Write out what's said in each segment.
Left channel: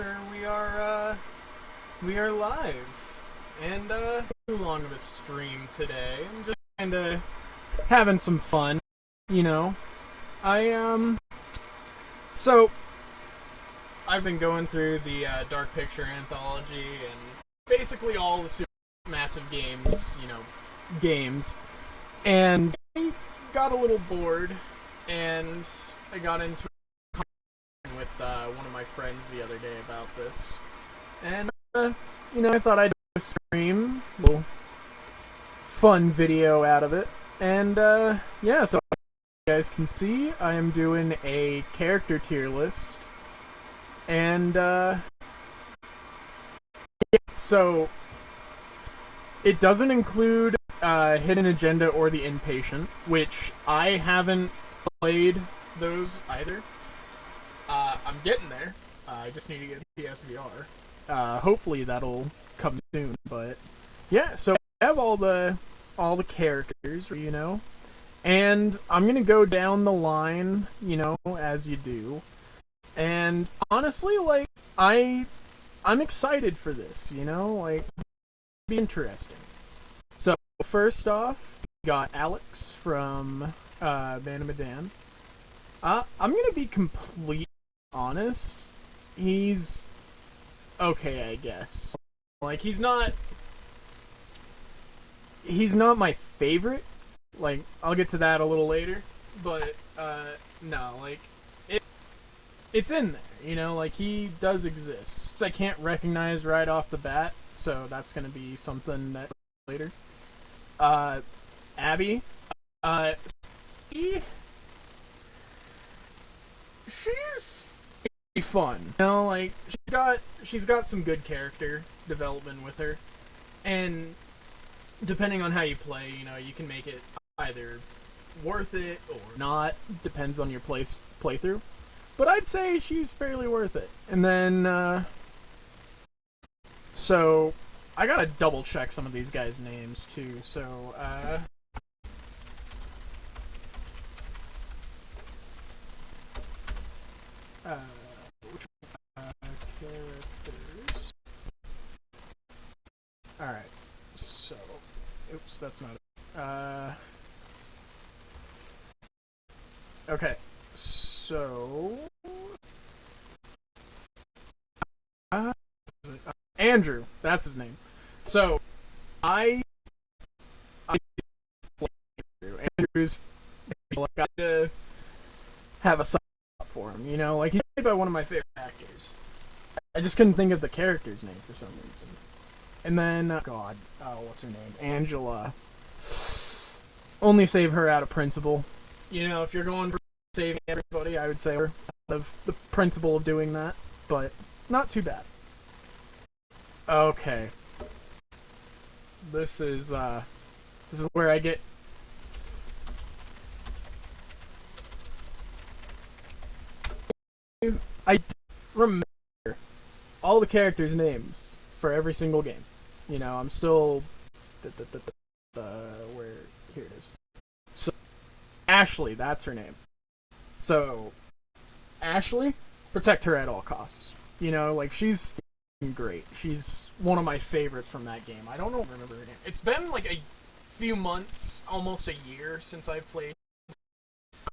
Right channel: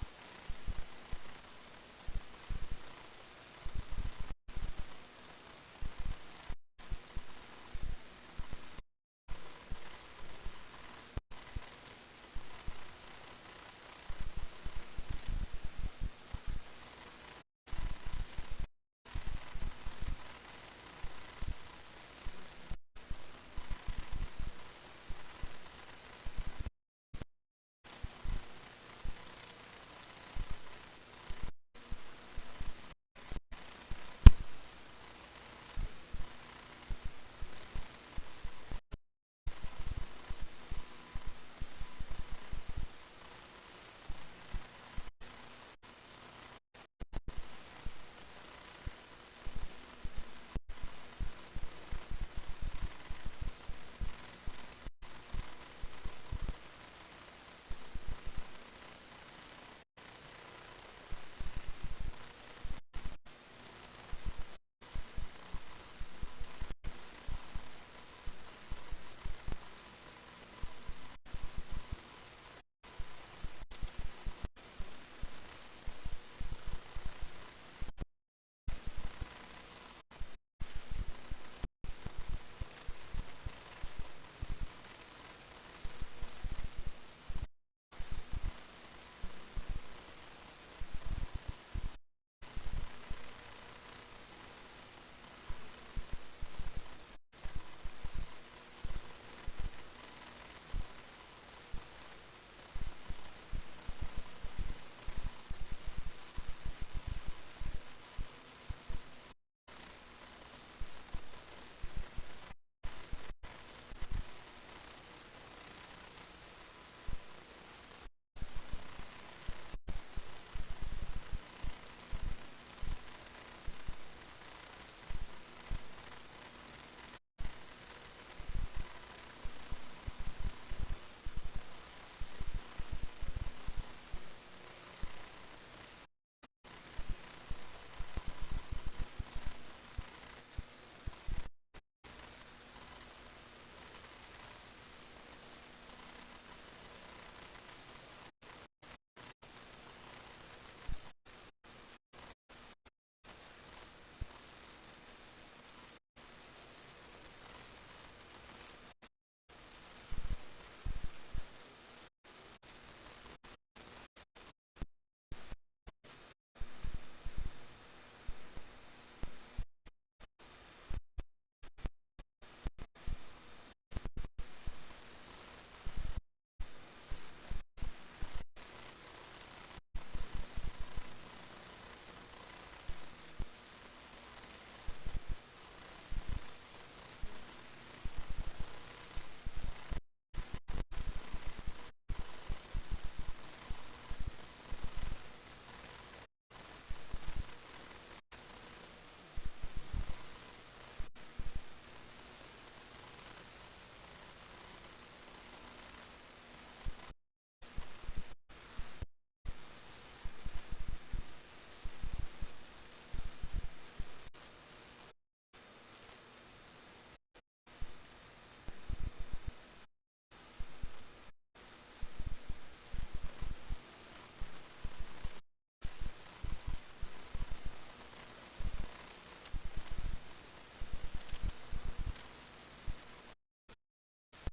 picture, and we are live. And too long of a stream today. I'm just kind of having some fun, you know. So I've been going through the Dark Picture anthology and basically all the Supermassive games, and I got a little bored, and I got into with one of my friends the other day about this, and I thought I'd do a stream, a little fun video out of it, and yeah, so you guys can see I am doing a character tier list, and yeah, so it doesn't include Hidden Agenda or The Inpatient, which I haven't played those either. I'm getting there. I just need to get PSVR. Hopefully that'll come soon. But yeah, so I have all the characters, and I'm gonna go down the line, as you do. And honestly, like I'm excited for this, like it'll be interesting. So first off, we got Alex from Van Medan. I'm gonna be completely honest. He's okay, I guess. Like he's not my favorite. Like I'll get to that a little later, but no, like it's in there, like he does exist. I can't recognize right off the bat, so that's gonna be something that later. Abby, she's pretty fun. Like she's got some good character development with her, and depending on how you play, you can make it either worth it or not. Depends on your playthrough. But I'd say she's fairly worth it. And then, so I gotta double check some of these guys' names too. So, characters. Alright, so, oops, that's not it. Okay, so, Andrew, that's his name. So, Andrew's, like, I got to have a song for him, like, he's played by one of my favorite actors. I just couldn't think of the character's name for some reason. And then, what's her name? Angela. Only save her out of principle. If you're going for saving everybody, I would say her out of the principle of doing that, but not too bad. Okay. This is where I get I remember all the characters' names for every single game. I'm still where here it is. So Ashley, that's her name. So Ashley, protect her at all costs. Like she's great. She's one of my favorites from that game. I don't know remember her name. It's been like a few months, almost a year since I've played.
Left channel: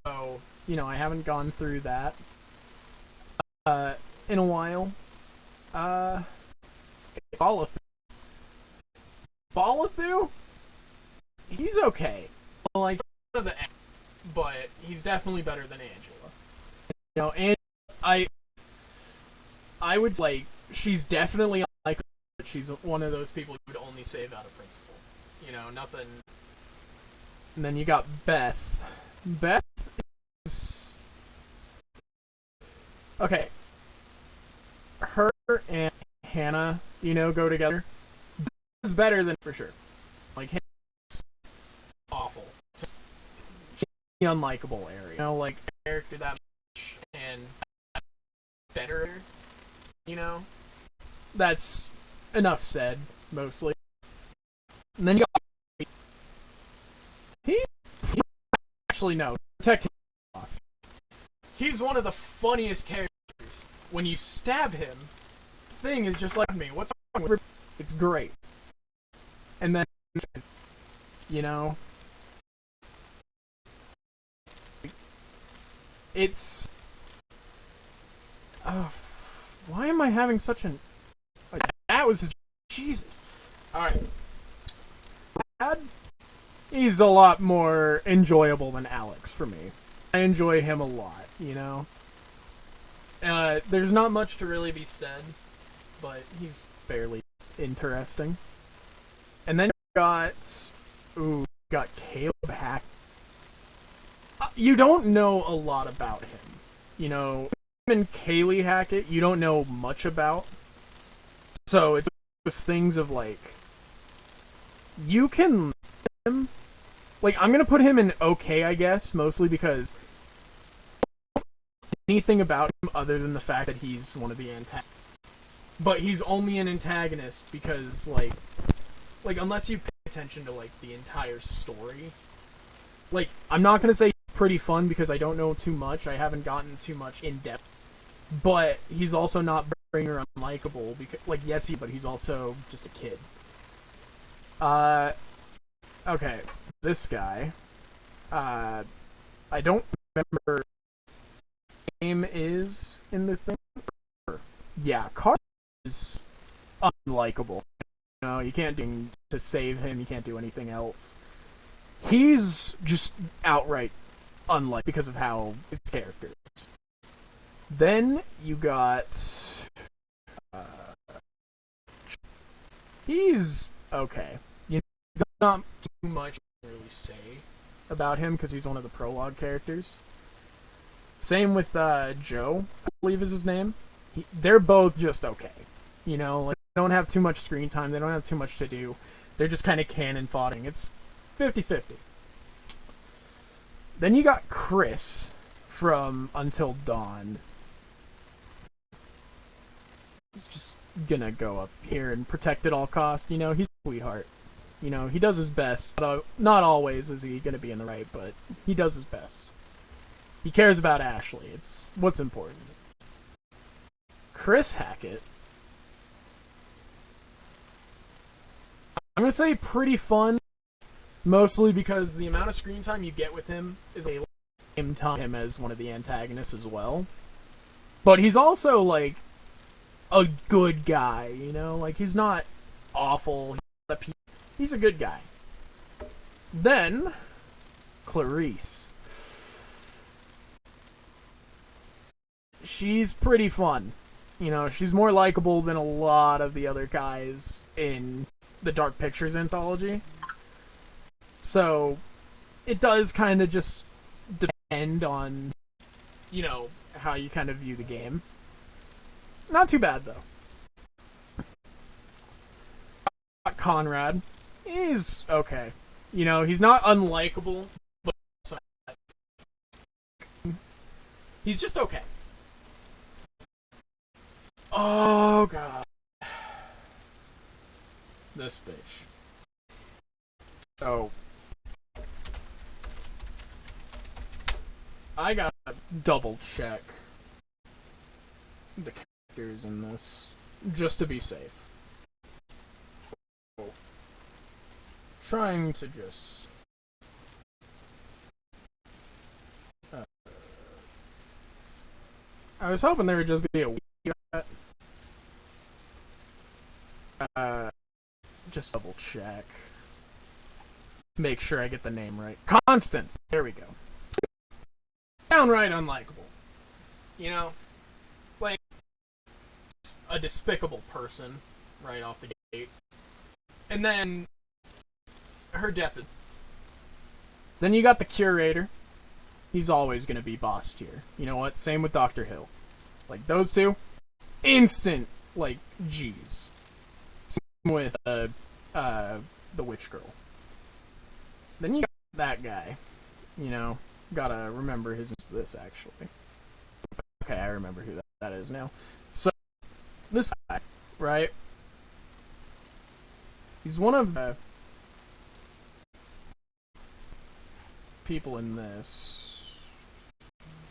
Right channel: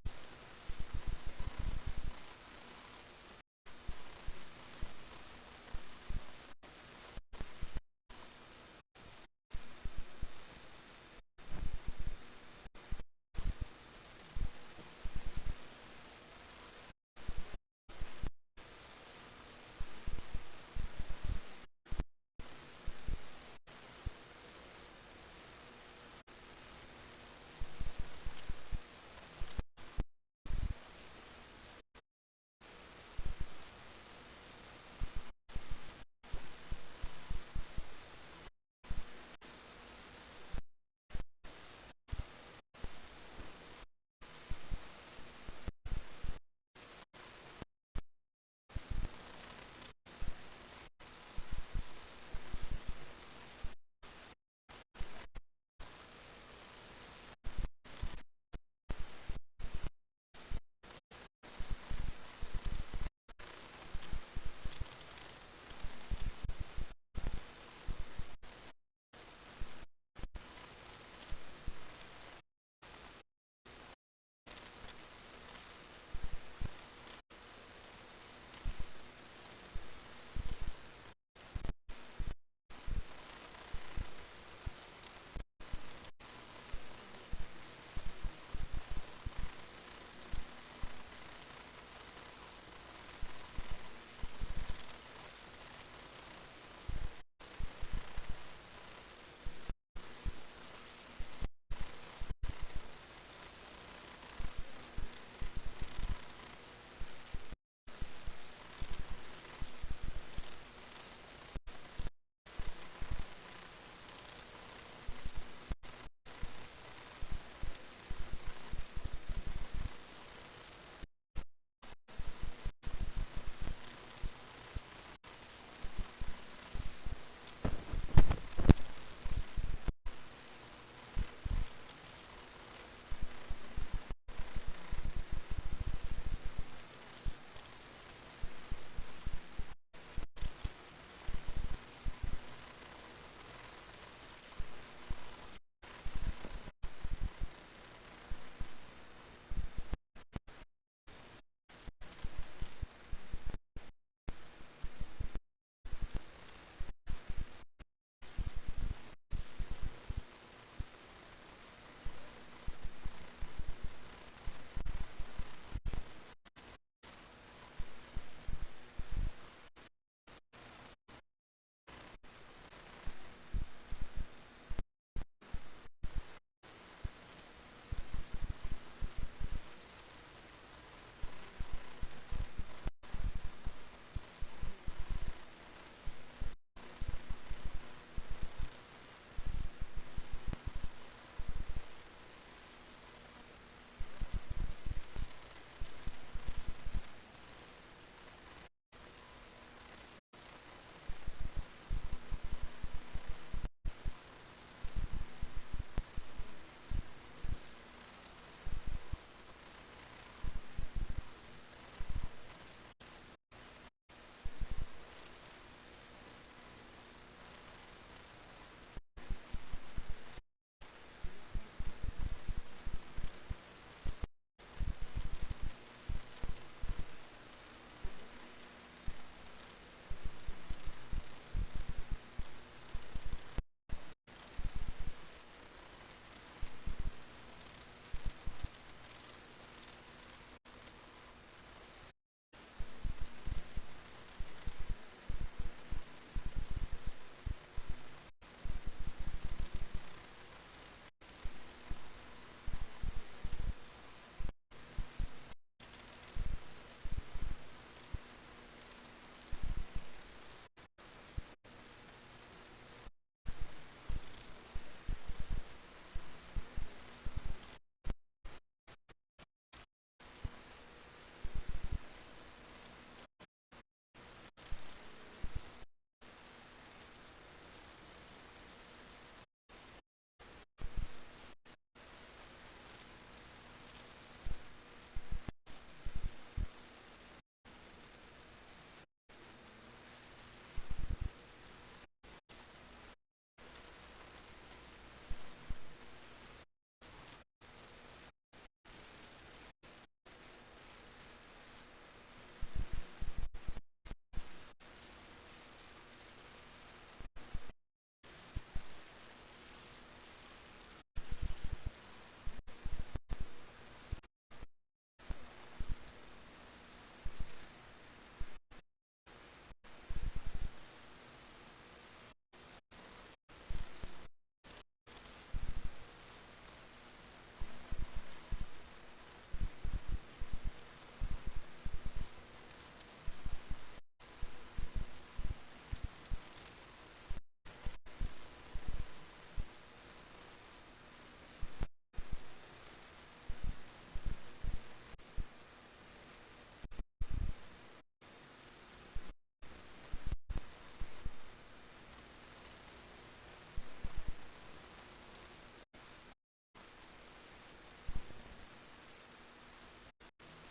So, I haven't gone through that in a while. Balathu? He's okay. Like but he's definitely better than Angela. And I would like she's definitely like she's one of those people who would only save out of principle. Nothing. And then you got Beth. Beth is okay. Her and Hannah, go together. This is better than for sure. Like Hannah's awful. She's unlikable area. Like character that much and better. That's enough said, mostly. And then you got he actually no. Protect him. He's one of the funniest characters. When you stab him, thing is just like me. What's wrong with it? It's great. And then, you know, it's... why am I having such an... that was his... Jesus. Alright. Dad, he's a lot more enjoyable than Alex for me. I enjoy him a lot, you know? There's not much to really be said, but he's fairly interesting. And then you got... ooh, you got Caleb Hack. You don't know a lot about him. You know, him and Kaylee Hackett, you don't know much about. So it's those things of like, you can him. Like, I'm gonna put him in okay, I guess, mostly because anything about him other than the fact that he's one of the antagonists. But he's only an antagonist because, like unless you pay attention to like the entire story. Like, I'm not gonna say he's pretty fun because I don't know too much. I haven't gotten too much in depth. But he's also not boring or unlikable because, like, yes, but he's also just a kid. Okay, this guy. I don't remember what his name is in the thing. Yeah, Carter is unlikable. You know, you can't do to save him. You can't do anything else. He's just outright unlikable because of how his character is. Then you got... he's okay. You know, not too much to really say about him because he's one of the prologue characters. Same with Joe, I believe is his name. They're both just okay. You know, like, they don't have too much screen time. They don't have too much to do. They're just kind of cannon fodder. It's 50-50. Then you got Chris from Until Dawn. He's just gonna go up here and protect at all costs. You know, he's a sweetheart. You know, he does his best. Not always is he gonna be in the right, but he does his best. He cares about Ashley. It's what's important. Chris Hackett. I'm gonna say pretty fun, mostly because the amount of screen time you get with him is a same time as one of the antagonists as well. But he's also like a good guy, you know? Like, he's not awful. He's a good guy. Then, Clarice. She's pretty fun. You know, she's more likable than a lot of the other guys in the Dark Pictures anthology. So, it does kind of just depend on, you know, how you kind of view the game. Not too bad, though. Conrad. He's okay. You know, he's not unlikable, but he's just okay. Oh, God. This bitch. Oh. I gotta double check the characters in this, just to be safe. Trying to just... I was hoping there would just be a just double check. Make sure I get the name right. Constance! There we go. Downright unlikable. You know? Like, a despicable person right off the gate. And then her death. Then you got the curator. He's always gonna be boss tier. You know what? Same with Dr. Hill. Like, those two, instant, like, G's. Same with the witch girl. Then you got that guy. You know, gotta remember this actually. Okay, I remember who that is now. So, this guy, right? He's one of the people in this.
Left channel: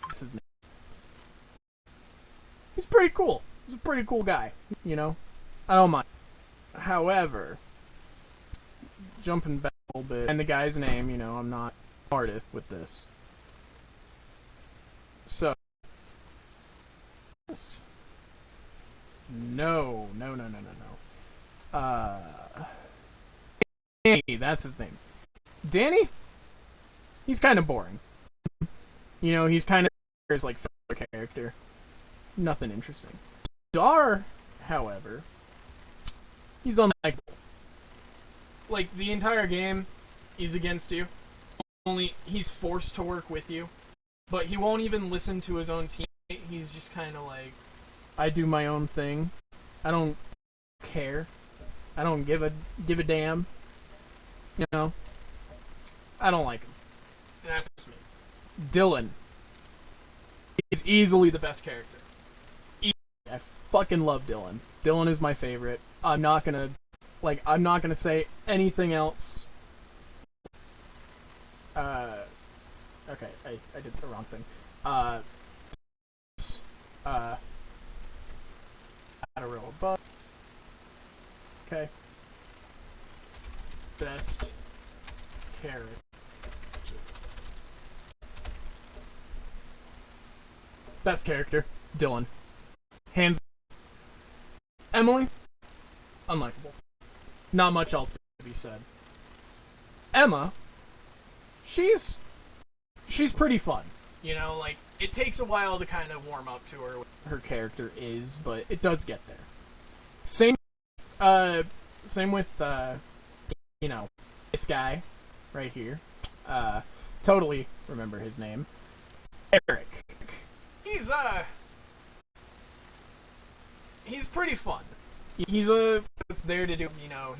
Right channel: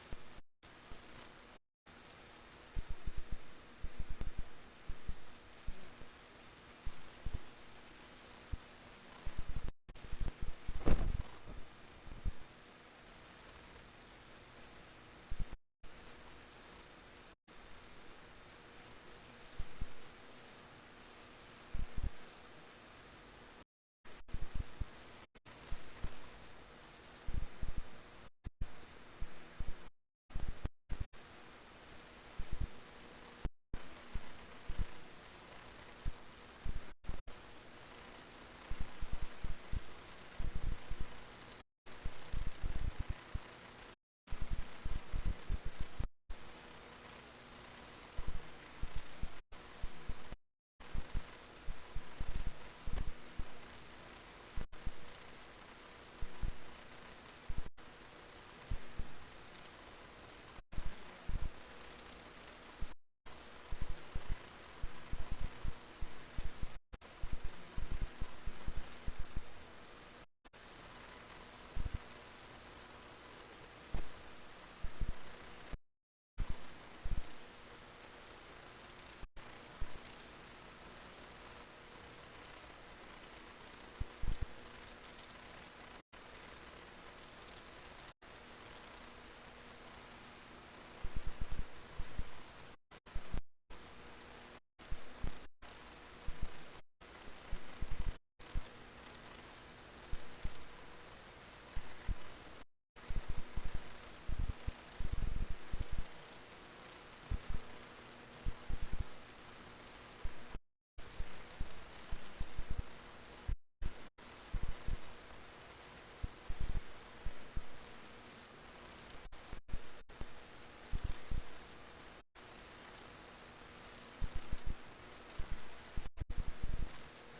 What's his name? He's pretty cool. He's a pretty cool guy, you know? I don't mind. However, jumping back a little bit, and the guy's name, you know, I'm not artist with this. So, no. Danny, that's his name. Danny? He's kind of boring. You know, he's kind of his, like, filler character. Nothing interesting. Dar, however, he's unlikable. Like, the entire game is against you. Only he's forced to work with you. But he won't even listen to his own teammate. He's just kind of like, I do my own thing. I don't care. I don't give a damn. You know? I don't like him. And that's just me. Dylan is easily the best character. I fucking love Dylan. Dylan is my favorite. I'm not gonna say anything else. Okay, I did the wrong thing. Add a row above. Okay. Best character. Best character, Dylan. Hands. Emily, unlikable. Not much else to be said. Emma, she's pretty fun. You know, like, it takes a while to kind of warm up to her what her character is, but it does get there. Same with you know, this guy right here. Totally remember his name. Eric. He's pretty fun. He's it's there to do, you know,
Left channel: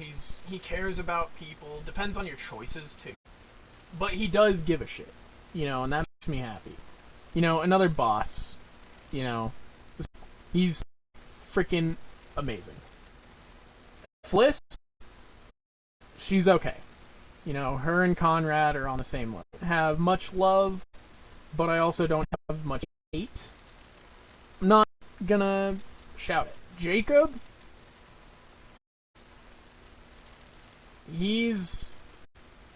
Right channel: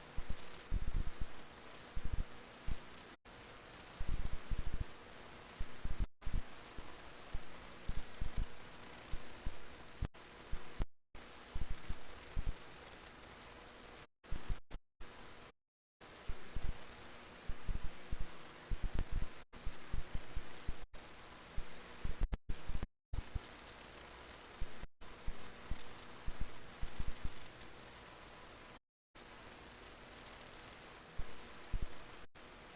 he cares about people, depends on your choices too. But he does give a shit, you know, and that makes me happy. You know, another boss, you know, he's freaking amazing. Fliss, she's okay. You know, her and Conrad are on the same level. Have much love, but I also don't have much hate. I'm not gonna shout it. Jacob, he's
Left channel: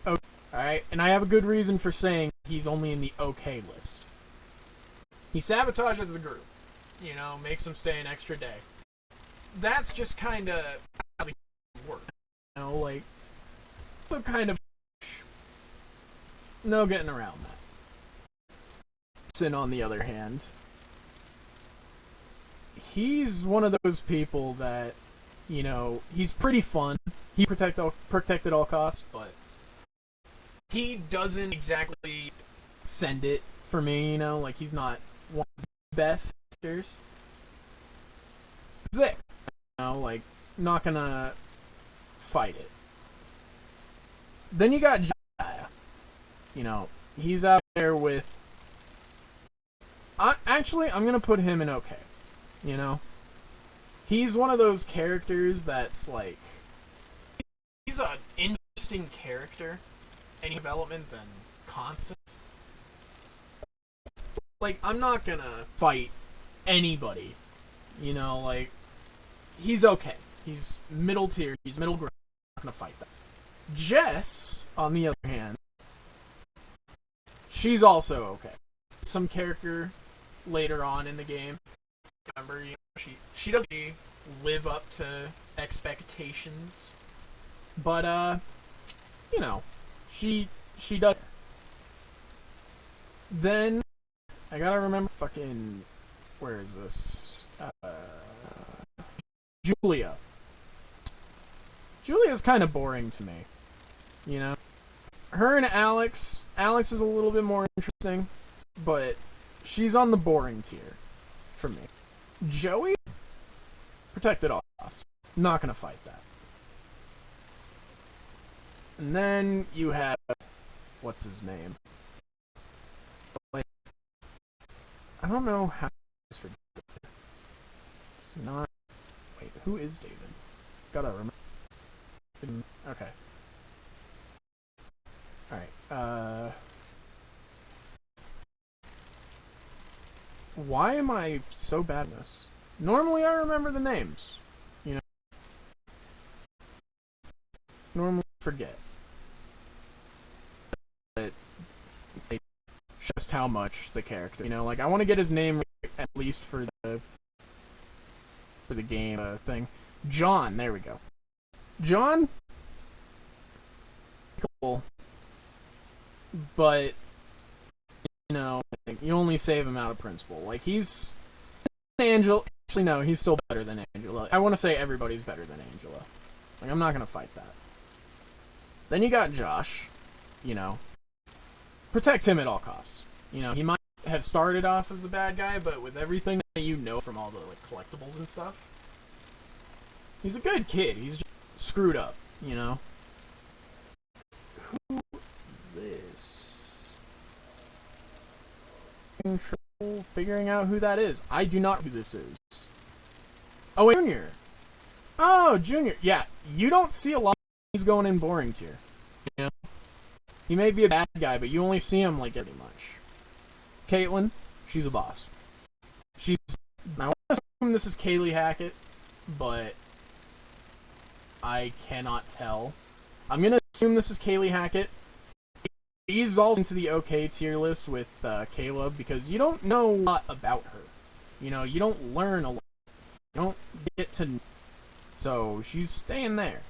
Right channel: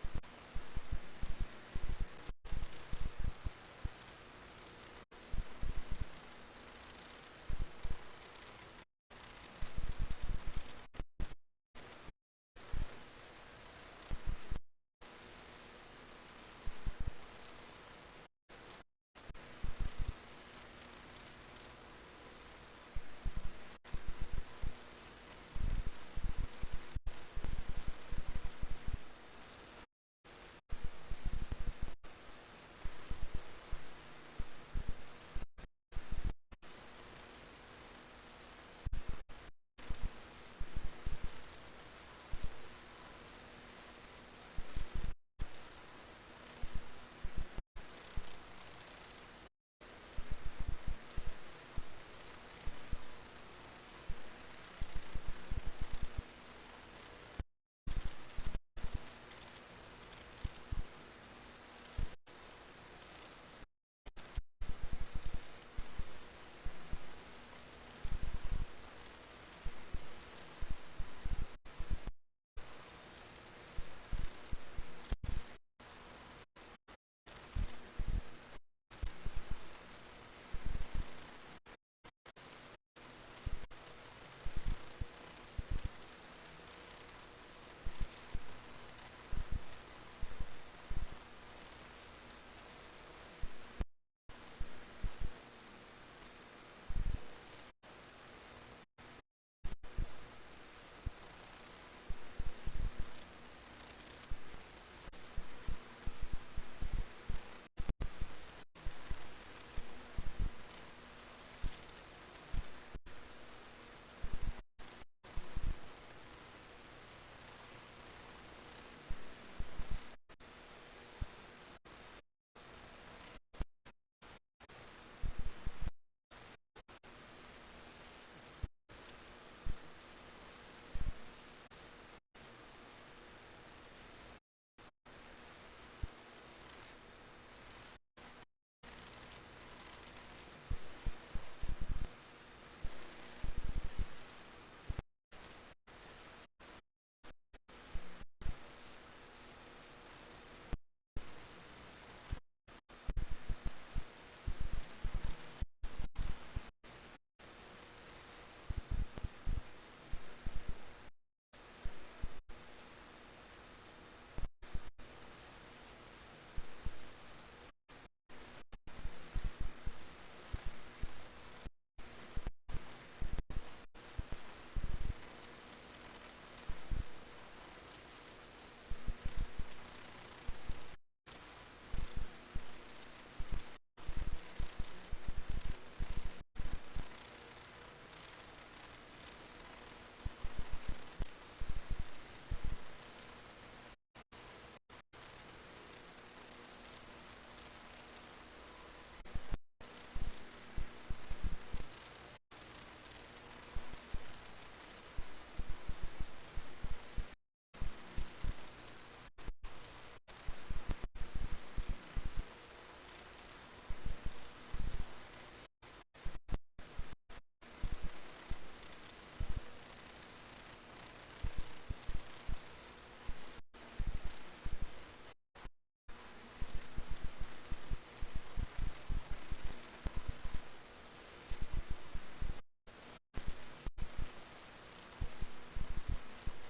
okay, alright, and I have a good reason for saying he's only in the okay list. He sabotages the group, you know, makes them stay an extra day. That's just kinda how the work, you know, like, the kind of no getting around. Sin, on the other hand, he's one of those people that, you know, he's pretty fun. He protect at all costs, but he doesn't exactly send it for me, you know, like he's not one of the best actors. He's there, you know, like, not gonna fight it. Then you got Jaya. You know, he's out there with... Actually, I'm gonna put him in okay. You know? He's one of those characters that's like... He's an interesting character. Any development than Constance. Like, I'm not gonna fight anybody. You know, like... He's okay. He's middle tier. He's middle ground. I'm not gonna fight that. Jess, on the other hand, she's also okay. Some character later on in the game, remember, you know, she doesn't live up to expectations, but you know, she does. Then I gotta remember fucking, where is this? Julia. Julia's kind of boring to me. You know? Her and Alex is a little bit more interesting, but she's on the boring tier for me. Joey? Protected all costs. Not gonna fight that. And then you have... What's his name? Like, I don't know how... It's not... Wait, who is David? Gotta remember. Okay. Alright, why am I so bad at this? Normally I remember the names. You know, normally forget. But like, just how much the character. You know, like I want to get his name at least for the game thing. John, there we go. John, cool, but you know, you only save him out of principle. Like he's Angela. Actually, no, he's still better than Angela. I want to say everybody's better than Angela. Like I'm not gonna fight that. Then you got Josh. You know, protect him at all costs. You know, he might have started off as the bad guy, but with everything that you know from all the like, collectibles and stuff, he's a good kid. He's just screwed up, you know? Who is this? In trouble figuring out who that is. I do not know who this is. Oh, wait, Junior. Oh, Junior. Yeah, you don't see a lot of he's going in boring tier. You know? He may be a bad guy, but you only see him, like, every much. Caitlin, she's a boss. She's... I want to assume this is Kaylee Hackett, but I cannot tell. I'm gonna assume this is Kaylee Hackett. She's also into the OK tier list with Caleb because you don't know a lot about her. You know, you don't learn a lot. You don't get to... So, she's staying there.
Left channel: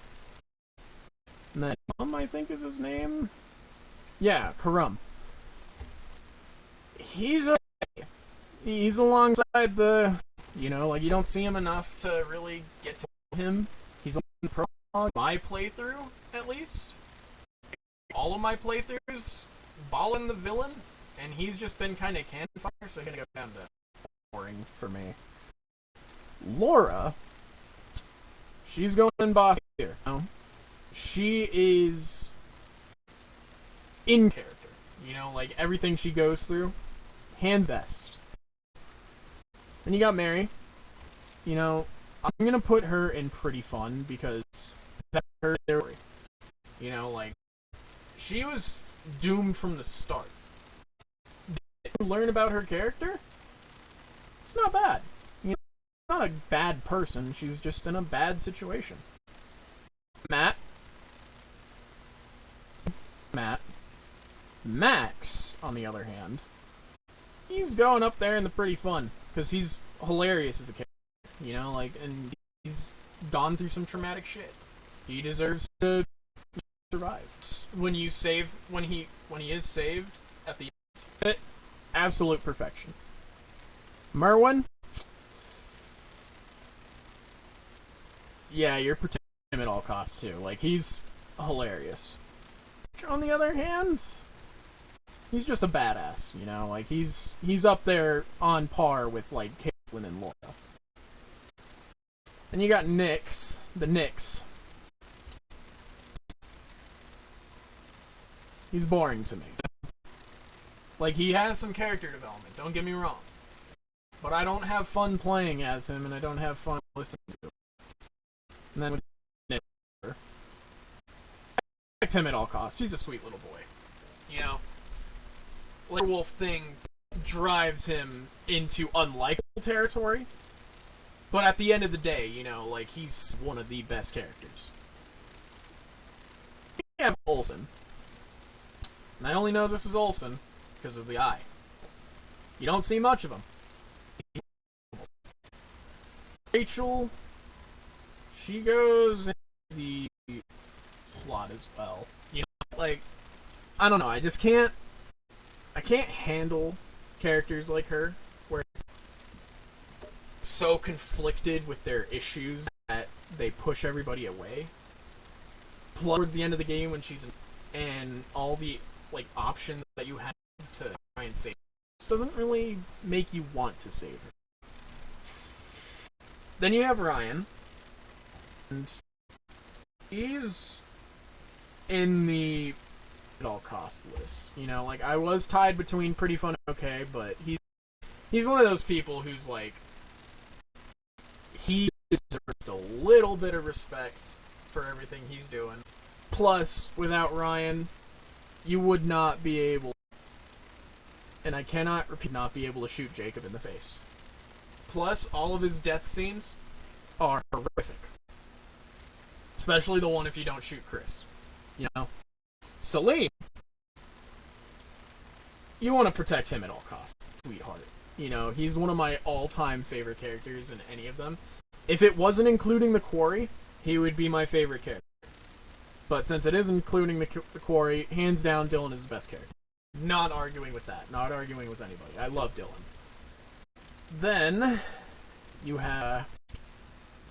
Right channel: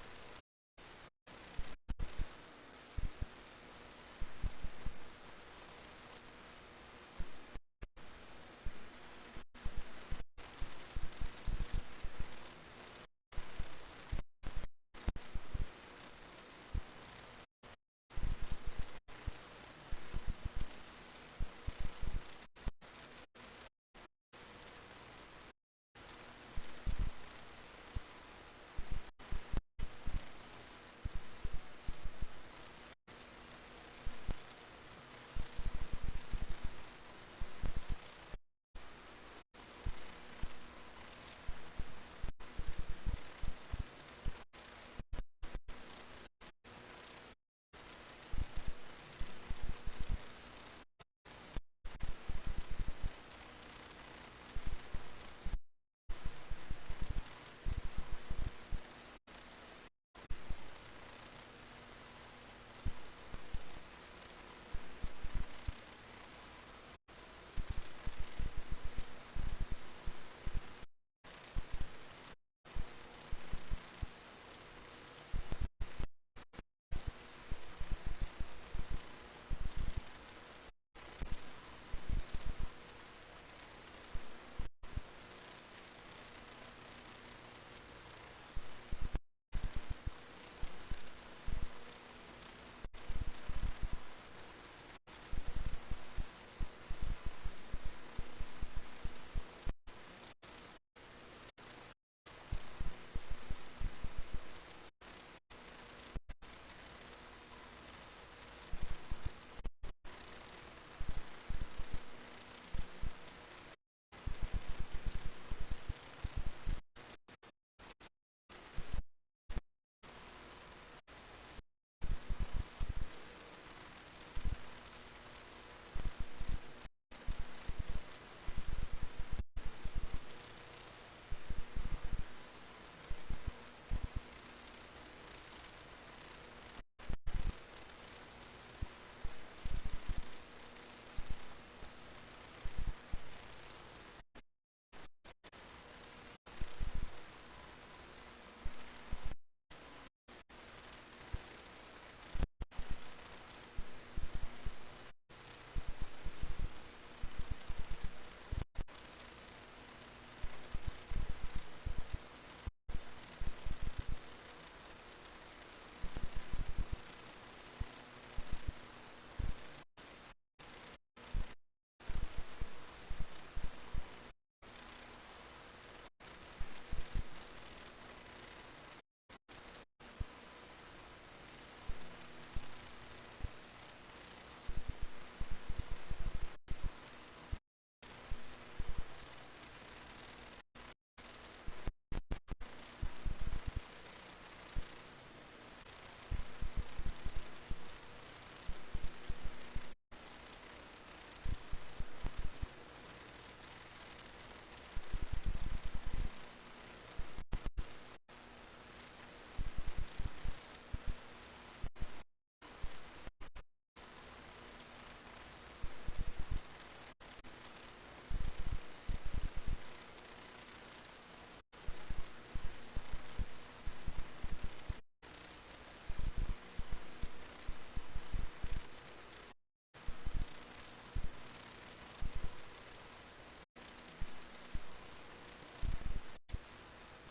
And then I think is his name? Yeah, Karum. He's okay. He's alongside the... You know, like, you don't see him enough to really get to him. He's on the prologue. My playthrough, at least. All of my playthroughs, balling the villain, and he's just been kind of cannon fire, so I'm gonna go down to boring for me. Laura, she's going in boss here. No? She is in character. You know, like everything she goes through, hands best. Then you got Mary. You know, I'm gonna put her in pretty fun because that's her story. You know, like she was doomed from the start. Did you learn about her character? It's not bad. You know, she's not a bad person. She's just in a bad situation. Max, on the other hand, he's going up there in the pretty fun because he's hilarious as a character. You know, like, and he's gone through some traumatic shit. He deserves to survive. When he is saved at the end, absolute perfection. Merwin, yeah, you're protecting him at all costs too. Like he's hilarious. On the other hand, he's just a badass. You know, like he's up there on par with like Caitlin and Laura. Then you got Nyx, the Nyx. He's boring to me. Like, he has some character development, don't get me wrong. But I don't have fun playing as him, and I don't have fun listening to him. And then with Nyx, protect him at all costs. He's a sweet little boy. You know? Like, Wolf thing drives him into unlikable territory. But at the end of the day, you know, like, he's one of the best characters. We have Olsen. And I only know this is Olsen because of the eye. You don't see much of him. Rachel, she goes in the slot as well. You know, like, I don't know, I can't handle characters like her, where it's so conflicted with their issues that they push everybody away. Plus, towards the end of the game when she's in, and all the like options that you have to try and save doesn't really make you want to save it. Then you have Ryan. And he's in the at all cost list. You know, like I was tied between pretty fun and okay, but he's one of those people who's like he deserves a little bit of respect for everything he's doing. Plus, without Ryan, you would not be able, and I cannot repeat, not be able to shoot Jacob in the face. Plus, all of his death scenes are horrific. Especially the one if you don't shoot Chris. You know? Salim, you want to protect him at all costs, sweetheart. You know, he's one of my all-time favorite characters in any of them. If it wasn't including the Quarry, he would be my favorite character. But since it is including the Quarry, hands down, Dylan is the best character. Not arguing with that. Not arguing with anybody. I love Dylan. Then, you have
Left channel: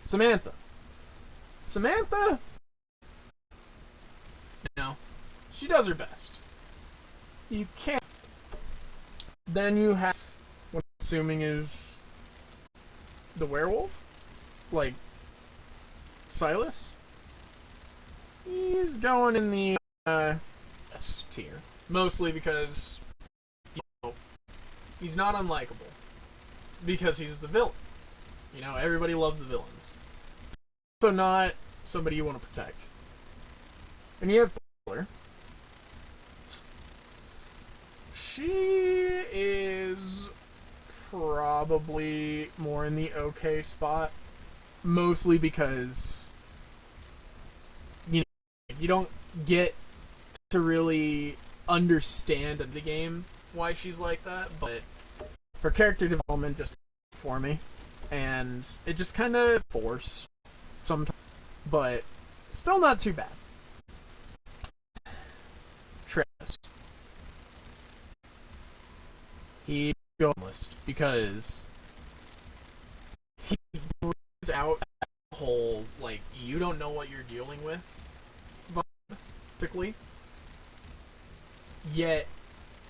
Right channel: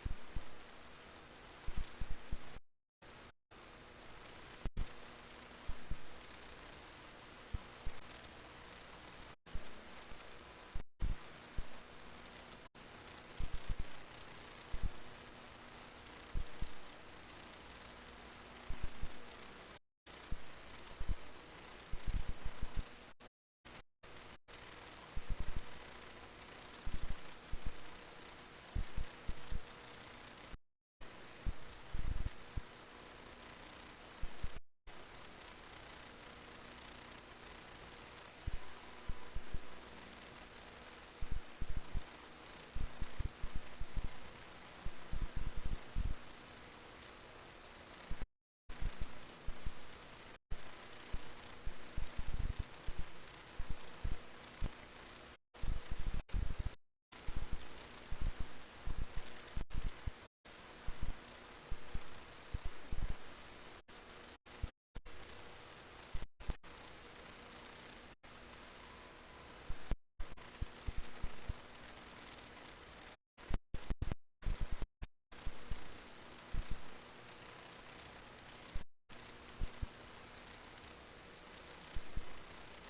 Samantha. Samantha, you know, she does her best. You can't. Then you have what I'm assuming is the werewolf, like Silas. He's going in the S tier, mostly because he's not unlikable, because he's the villain. You know, everybody loves the villains. Also not somebody you want to protect. And you have Taylor. She is probably more in the okay spot, mostly because you don't get to really understand the game why she's like that, but her character development just for me, and it just kind of forced sometimes, but still not too bad. Travis. He goes because he brings out that whole, like, you don't know what you're dealing with, practically, yet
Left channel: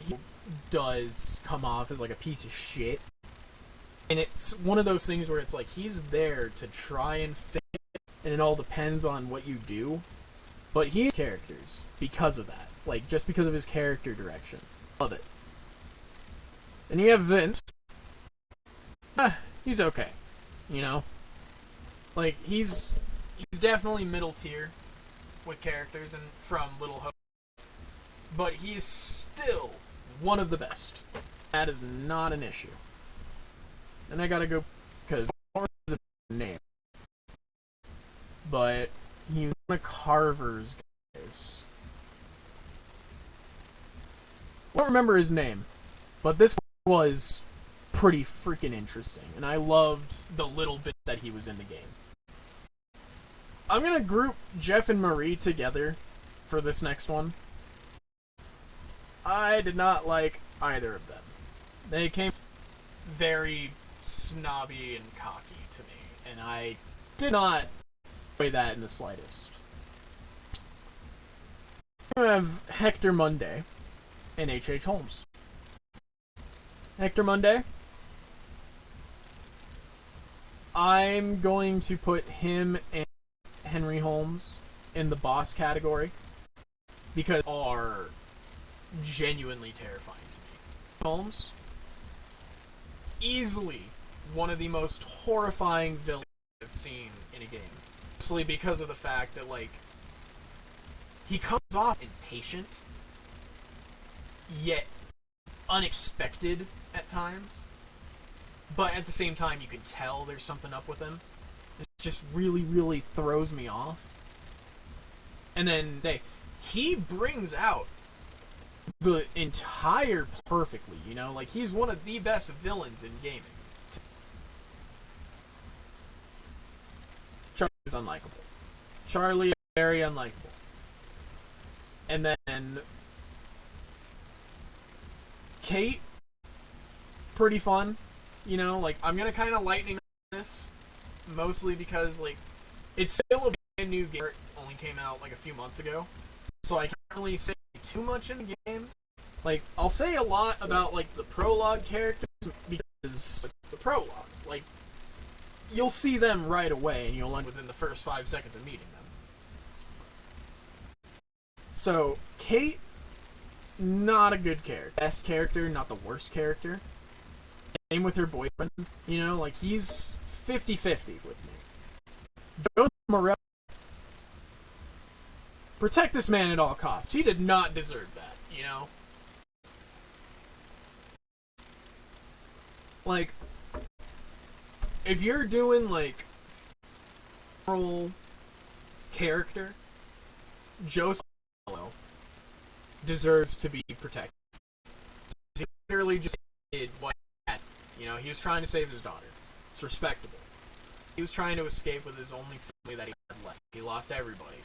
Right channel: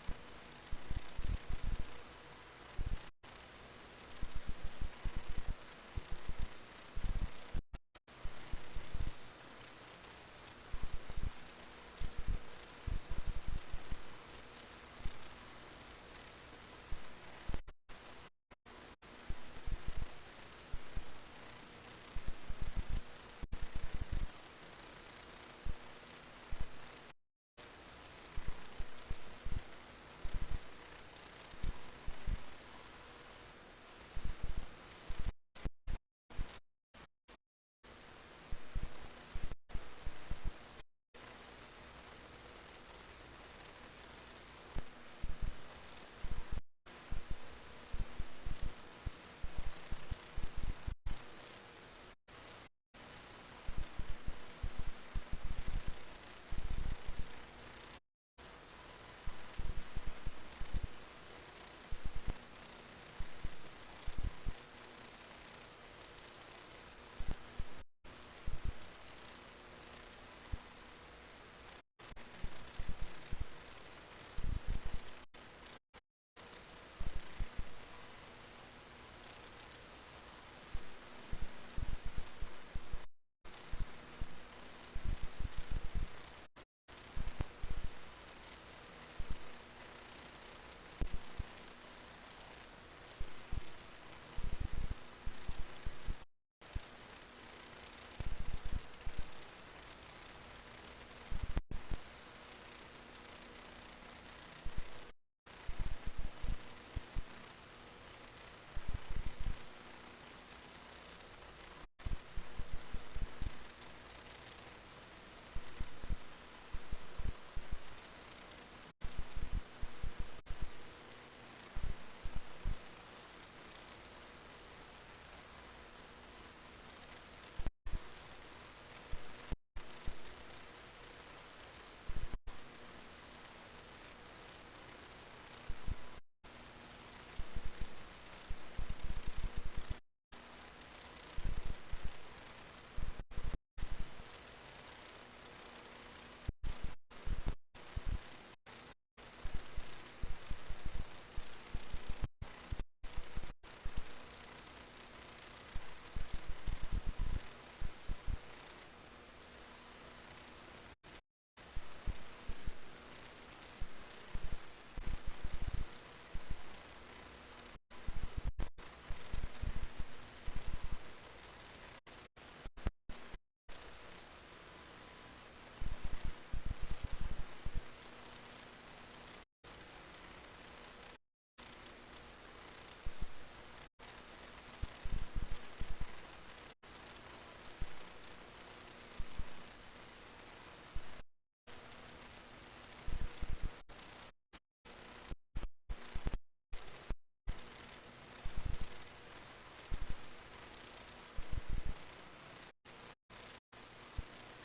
he does come off as like a piece of shit. And it's one of those things where it's like he's there to try and fix it, and it all depends on what you do. But he has characters because of that. Like, just because of his character direction. Love it. And you have Vince. He's okay. You know? Like, he's definitely middle tier with characters and from Little Hope. But he's still one of the best. That is not an issue. And I gotta go because the name, but he's one of Carver's guys. I don't remember his name, but this was pretty freaking interesting, and I loved the little bit that he was in the game. I'm gonna group Jeff and Marie together for this next one. I did not like either of them. They came very snobby and cocky to me, and I did not enjoy that in the slightest. We have Hector Monday and H.H. Holmes. Hector Monday, I'm going to put him and Henry Holmes in the boss category because they are genuinely terrifying to me. Holmes, easily one of the most horrifying villains I've seen in a game. Mostly because of the fact that, like, he comes off impatient, yet unexpected at times, but at the same time you can tell there's something up with him. It just really, really throws me off. And then he brings out the entire perfectly, you know? Like, he's one of the best villains in gaming. Charlie's unlikable. Charlie is very unlikable. And then Kate, pretty fun. You know, like, I'm gonna kind of lighten this, mostly because, like, it's still a brand new game. It only came out, like, a few months ago. So I can't really say too much in the game. Like, I'll say a lot about, like, the prologue characters because it's the prologue. Like, you'll see them right away and you'll end within the first 5 seconds of meeting them. So, Kate, not a good character. Best character, not the worst character. Same with her boyfriend. You know, like, he's 50-50 with me. Joe Morello, protect this man at all costs. He did not deserve that, you know? Like, if you're doing, like, moral character, Joe deserves to be protected. He literally just did what he had. You know, he was trying to save his daughter. It's respectable. He was trying to escape with his only family that he had left. He lost everybody.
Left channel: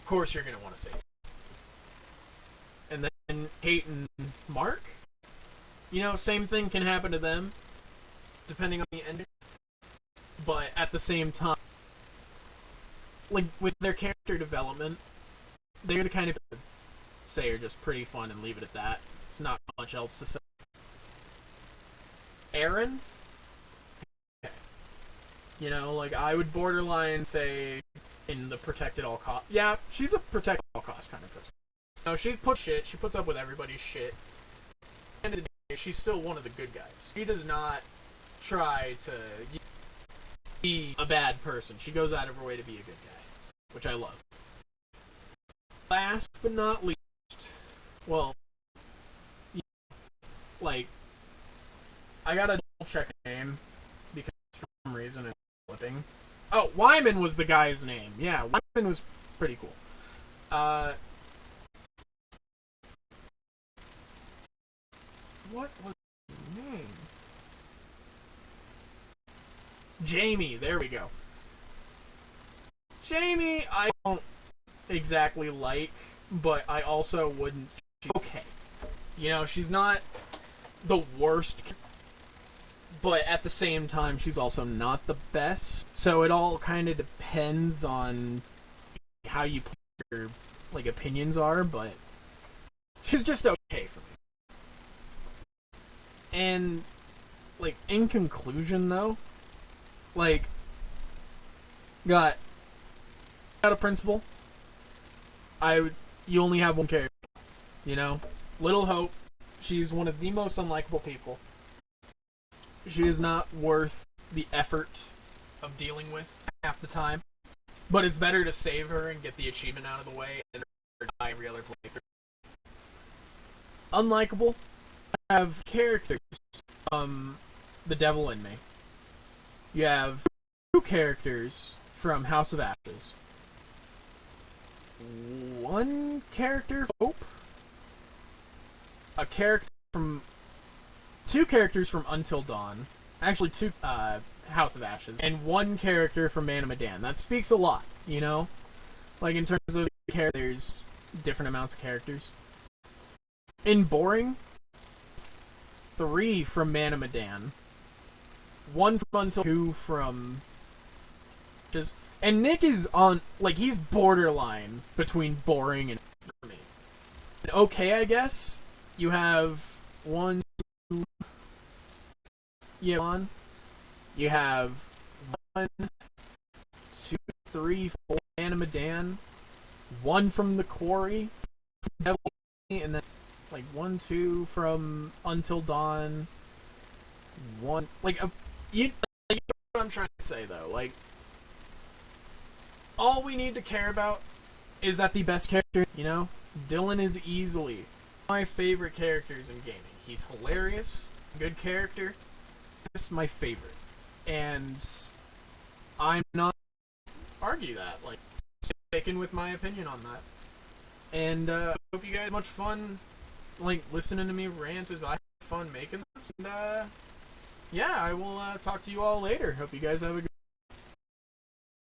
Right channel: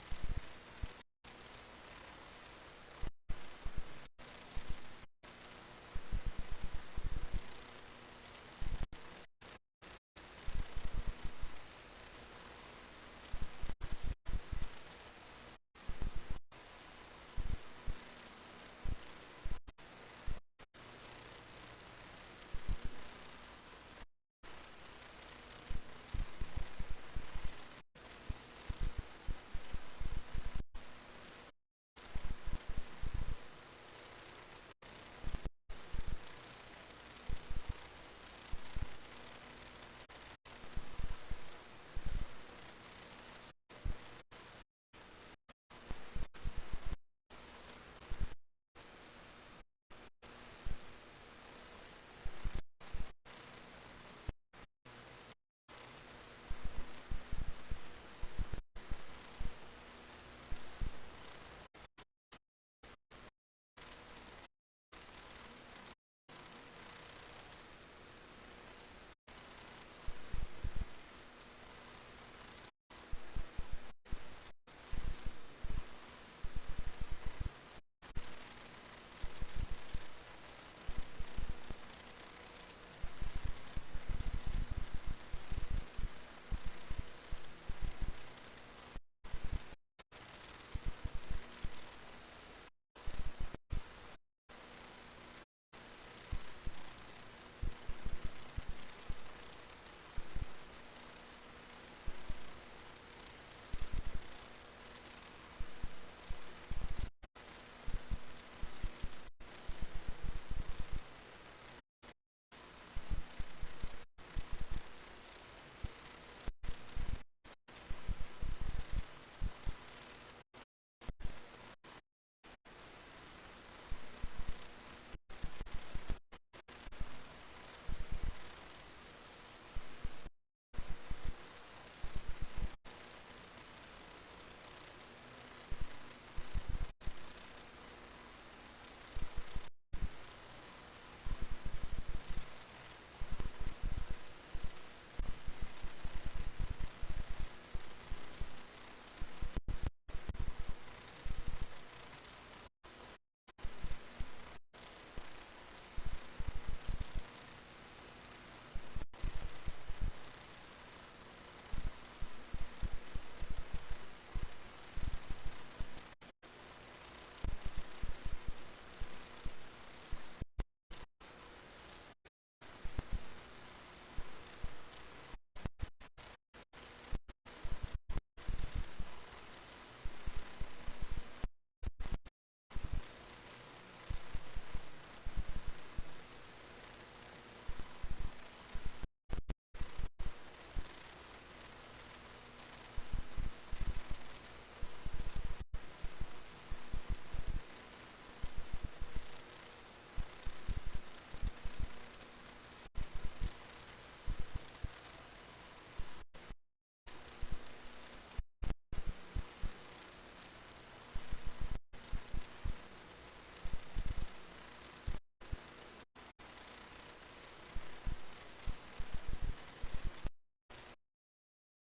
Of course you're going to want to save him. And then Kate and Mark, you know, same thing can happen to them, depending on the ending. But at the same time, like, with their character development, they're going to kind of say are just pretty fun and leave it at that. It's not much else to say. Aaron, you know, like, I would borderline say in the protect at all cost. Yeah, she's a protect at all cost kind of person. You know, she puts up with everybody's shit. At the end of the day, she's still one of the good guys. She does not try to be a bad person. She goes out of her way to be a good guy, which I love. Last but not least, well, like, I gotta double check a name because for some reason it's flipping. Oh, Wyman was the guy's name. Yeah, Wyman was pretty cool. What was his name? Jamie, there we go. Jamie, I don't exactly like, but I also wouldn't say she's okay. You know, she's not the worst, but at the same time, she's also not the best. So it all kind of depends on how you your, like, opinions are, but she's just okay for me. And, like, in conclusion, though, like, got a principal. You only have one character, you know? Little Hope, she's one of the most unlikable people. She is not worth the effort of dealing with half the time. But it's better to save her and get the achievement out of the way and die every other playthrough. Unlikable, I have characters from The Devil in Me. You have 2 characters from House of Ashes. 1 character from Hope. A character from 2 characters from Until Dawn. Actually, 2 House of Ashes. And 1 character from Man of Medan. That speaks a lot, you know? Like, in terms of characters, different amounts of characters. In boring, 3 from Man of Medan. 1 from Until 2 from just. And Nick is on, like, he's borderline between boring and okay, I guess. You have 1, 2. You have 1, 2, 3, 4 Man of Medan. 1 from The Quarry, and then like 1, 2 from Until Dawn. 1 you know what I'm trying to say though, like. All we need to care about is that the best character, you know? Dylan is easily my favorite characters in gaming. He's hilarious, good character, just my favorite. And I'm not argue that, like, sticking with my opinion on that. And I hope you guys have much fun, like, listening to me rant as I have fun making this. And yeah, I will talk to you all later. Hope you guys have a good